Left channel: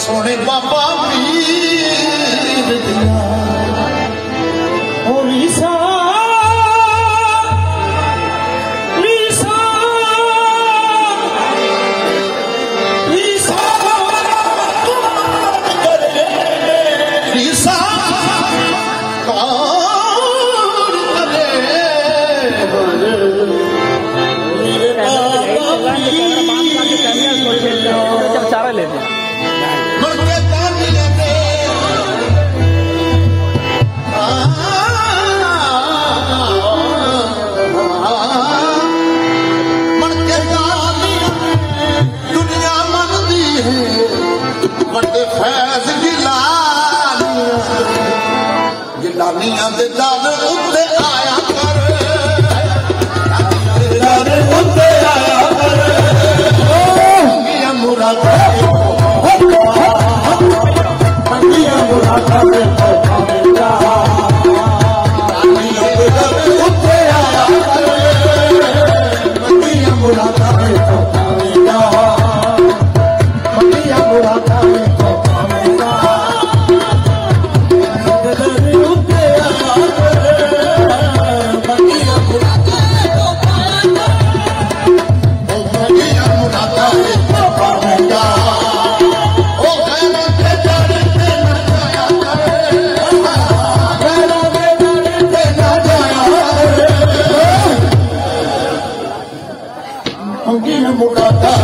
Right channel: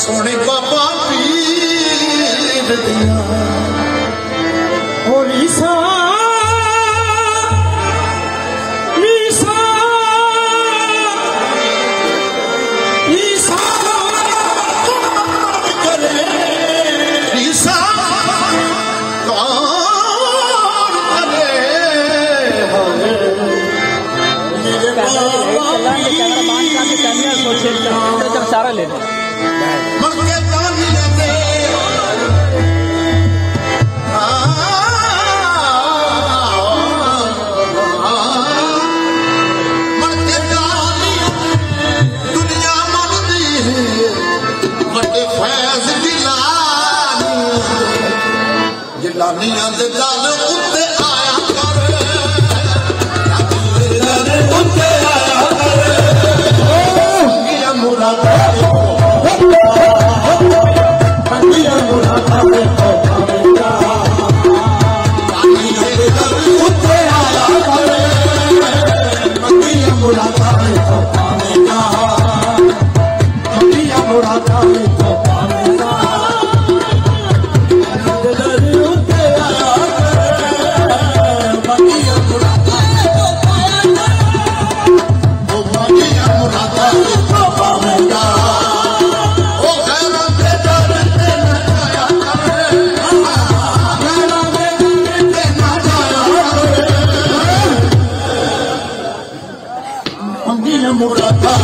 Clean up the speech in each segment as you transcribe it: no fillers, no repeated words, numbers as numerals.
सोने बाबा पीर दिया रीसा रीसा रीसा करे रीसा कैमरा बांध का कैमरा सोशल सारा लेना दुनिया मनती है बड़े फैज गिलानिया दे दल उत्ते आया मुरादा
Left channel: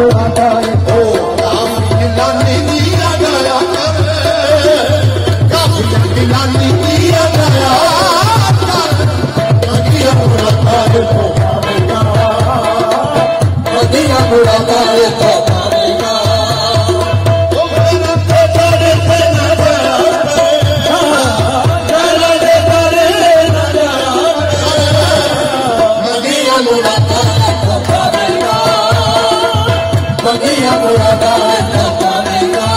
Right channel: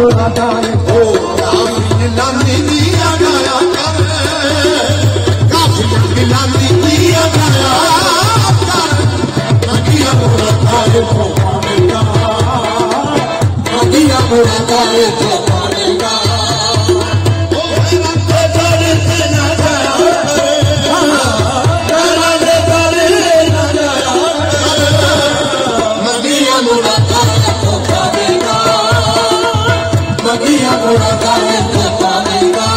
मुरादा ओ काफी लाली दिया गया काफी लाली दिया गया मदिया मुरादा को पावेगा मदिया मुरादा को पावेगा ओ मेरा तेरे पे ना गया तेरा दे करे ना गया मदिया मुरादा को पावेगा मदिया मुरादा को पावेगा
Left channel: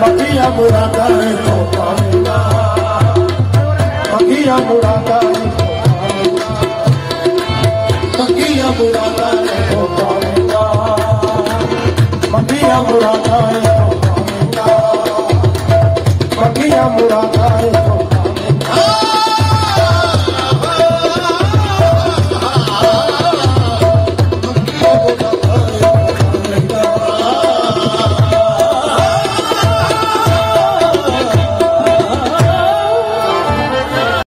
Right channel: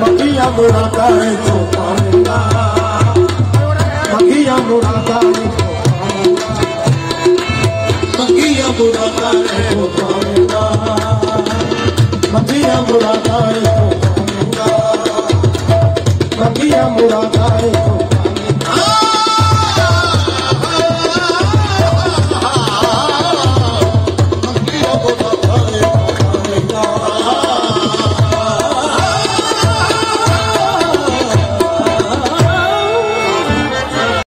मदिया मुरादा को पावेगा मदिया मुरादा मदिया मुरादा को पावेगा मदिया मुरादा को पावेगा मदिया मुरादा